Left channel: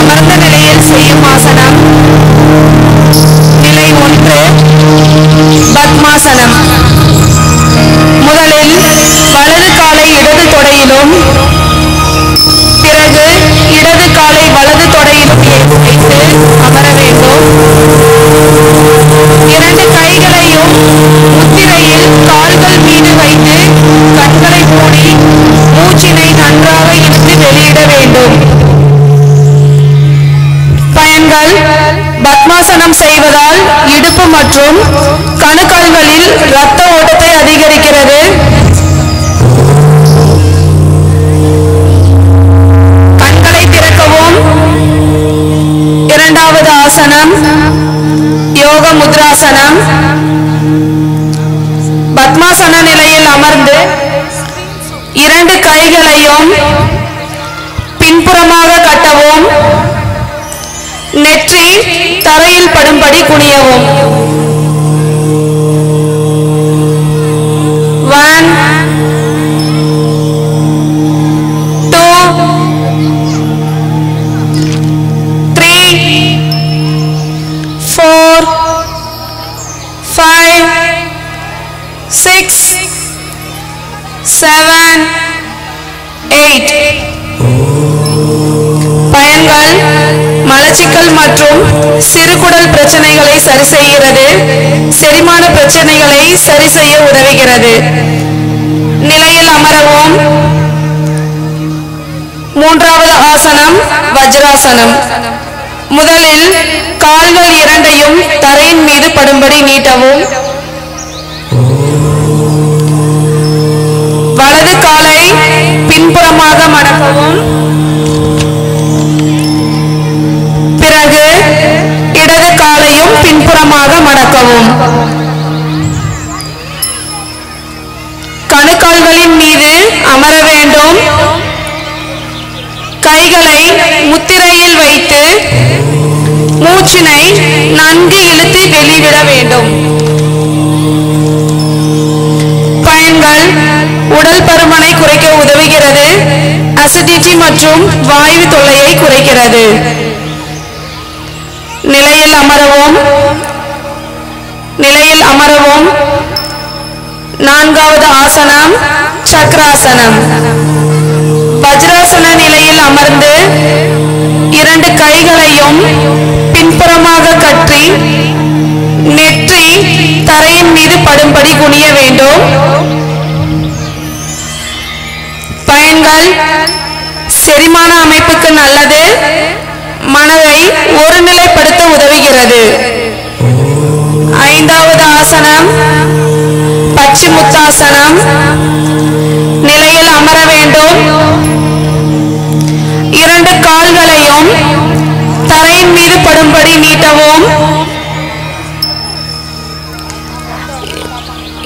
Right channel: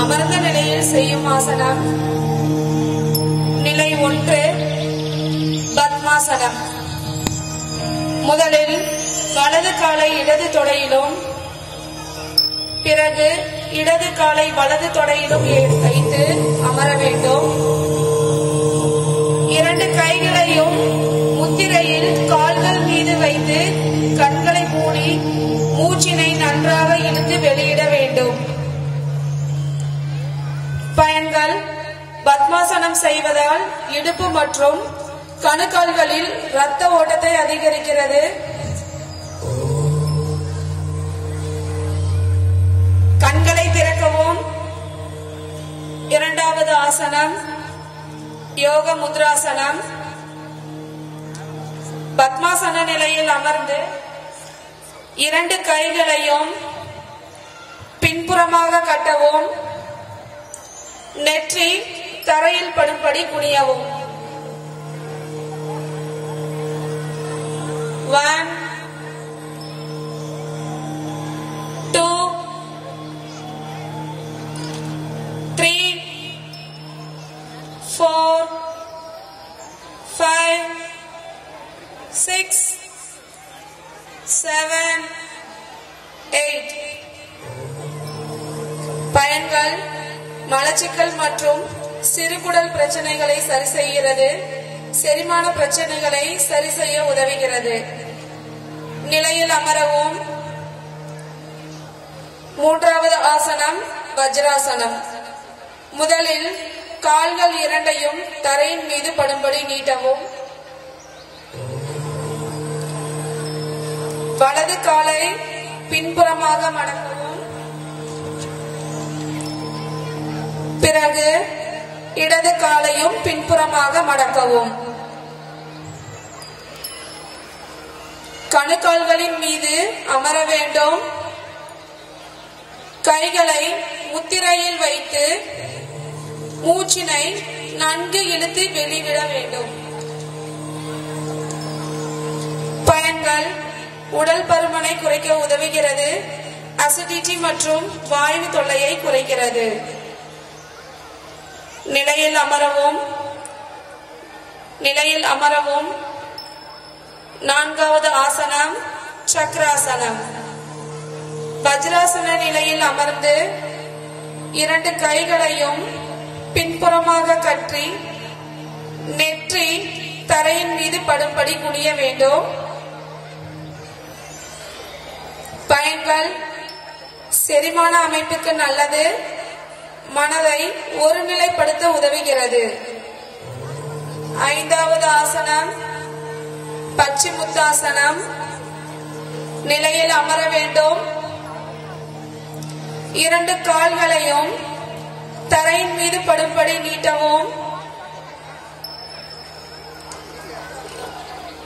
அமர்ந்த நிலையில் செய்யும் ஆசனம். நிலை 1 பத்மாசனம். முதலில் வலது காலை இடது தொடையிலும் பிறகு இடது காலை வலது தொடையிலும் வைத்து அமர வேண்டும். இரண்டு கைகளையும் முத்திரையில் கால்கள் மீது வைத்து கண்களை மூடி மூச்சினை நன்றாக இழுத்து வெளியிட வேண்டும். பயன்கள்: பத்மாசனம் செய்வதால் இடுப்பு மற்றும் கணுக்கால்களில் இரத்த ஓட்டத்தை அதிகரிக்கிறது. கண்களை திறக்கவும். இரண்டாவது ஆசனம் யோக முத்ராசனம். பத்மாசன நிலையில் அமர்ந்து இரண்டு கைகளையும் பின்புறமாக கட்டவும். நெற்றி தரையில் படும்படி குனியவும். 1 2 3 4 5 6 7 8. பயன்கள்: மலச்சிக்கல் மற்றும் சிறுகுடல் பிரச்சனைகளை சரி செய்கிறது. செரிமான பிரச்சனைகளை சரி செய்ய உதவுகிறது. நிலையில் அமரவும். மூன்றாவது ஆசனம் வஜ்ராசனம். முதலில் கால்கள் இரண்டையும் தரையின் மீது படும்படி நீட்டவும். வலது காலை பின்புறமாக மடக்கவும். பிறகு இடது காலையும் பின்புறமாக மடக்கவும். கணுக்கால்களின் மீது அமர வேண்டும். கைகளை முத்திரையில் வைத்து மூச்சினை நன்கு இழுத்து வெளிவிட வேண்டும். பயன்கள்: உடல் பருமனை குறைக்க உதவுகிறது. அசிடிட்டி மற்றும் வாயு தொல்லையை குறைக்கிறது. நிலையில் அமரவும். நிலையில் அமரவும். நான்காவது ஆசனம் சக்கராசனம். வஜ்ராசன நிலையில் அமர்ந்து இரண்டு கைகளையும் பின்புறமாக கட்டி நெற்றி தரையின் மீது படும்படி குனிய வேண்டும். பயன்கள்: செரிமான அமைப்புக்கு நல்லது. மனதை ஒருநிலைப்படுத்த உதவுகிறது. ஐந்தாவது ஆசனம் பச்சிமுத்தாசனம். நிலையில் அமர வேண்டும். இரண்டு கால்களையும் தரையின் மீது படும்படி நீட்டவும்.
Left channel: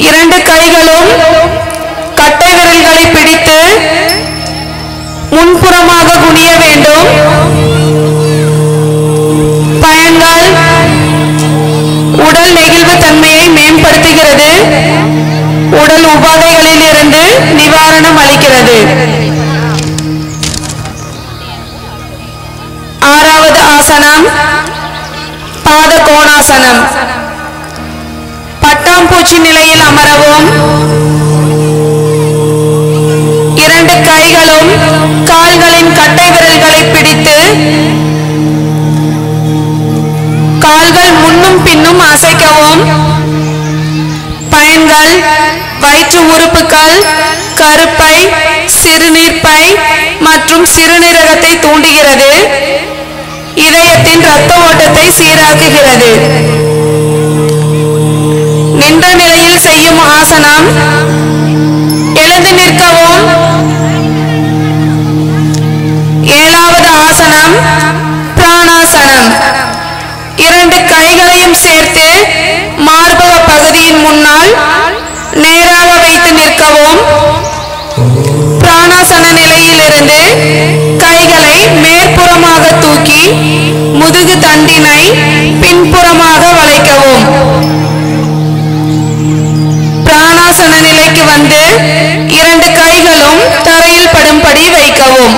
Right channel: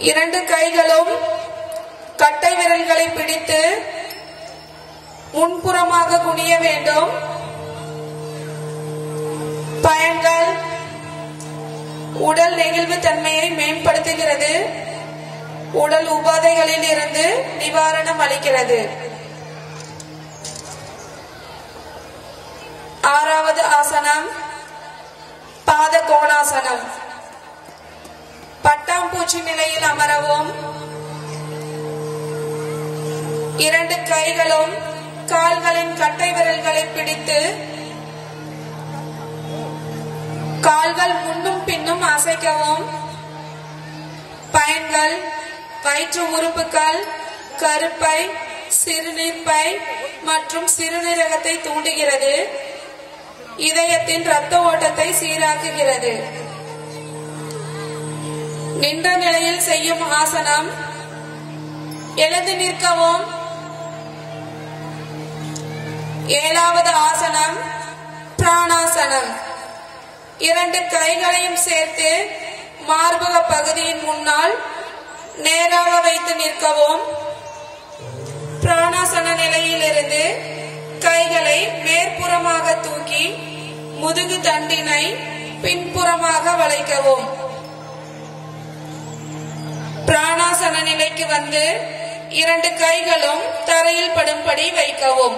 இரண்டு கைகளும் கட்டை விரல்களை பிடித்து முன்புறமாக குனிய வேண்டும். பயன்கள்: உடல் நெகிழ்வு தன்மையை மேம்படுத்துகிறது. உடல் உபாதைகளில் இருந்து நிவாரணம் அளிக்கிறது. ஆறாவது ஆசனம் பாத கோணாசனம். பட்டாம்பூச்சி நிலையில் அமரவும். இரண்டு கைகளும் கால்களின் கட்டை விரல்களை பிடித்து கால்கள் முன்னும் பின்னும் அசைக்கவும். பயன்கள்: வயிற்று உறுப்புகள், கருப்பை, சிறுநீர்ப்பை மற்றும் சிறுநீரகத்தை தூண்டுகிறது. இதயத்தின் இரத்த ஓட்டத்தை சீராக்குகிறது. நின்ற நிலையில் செய்யும் ஆசனம். எழுந்து நிற்கவும். ஏழாவது ஆசனம் பிராணாசனம். இரண்டு கைகளையும் சேர்த்து மார்பக பகுதியின் முன்னால் நேராக வைத்து நிற்கவும். பிராணாசன நிலையிலிருந்து கைகளை மேற்புறமாக தூக்கி முதுகு தண்டினை பின்புறமாக வளைக்கவும். பிராணாசன நிலைக்கு வந்து இரண்டு கைகளும் தரையில் படும்படி வைக்கவும்.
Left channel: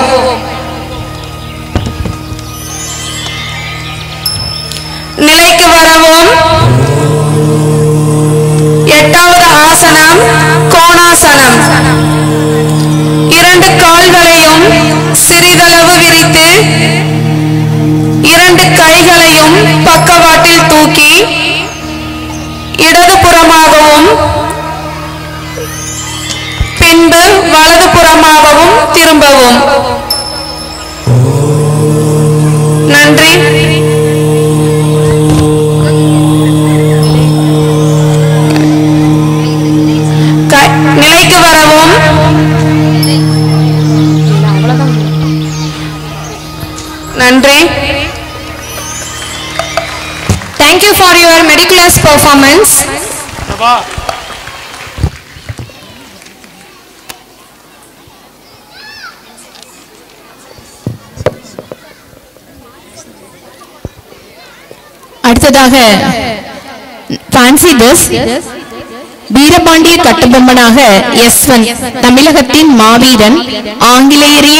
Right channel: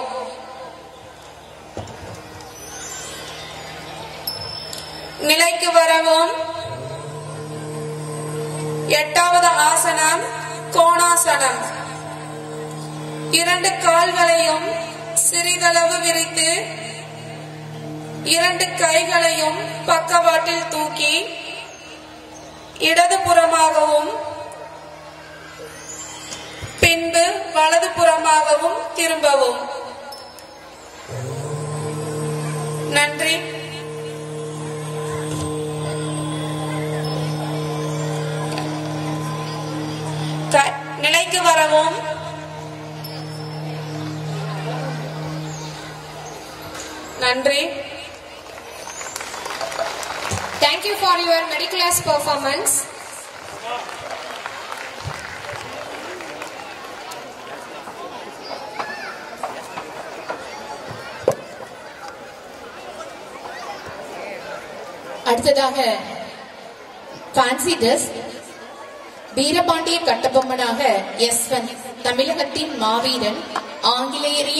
2 கைகளையும் பக்கவாட்டில் தூக்கி இடதுபுறமாகவும் பின்பு வலதுபுறமாகவும் திரும்பவும். நன்றி. நிலைக்கு வரவும். நன்றி. Thank you for your meticulous performance. அடுத்ததாக ஃபேன்சி ட்ரெஸ் வீரபாண்டிய கட்டபொம்மனாக S1 தமிழகத்தின் மாவீரன் ஆங்கிலேயரிய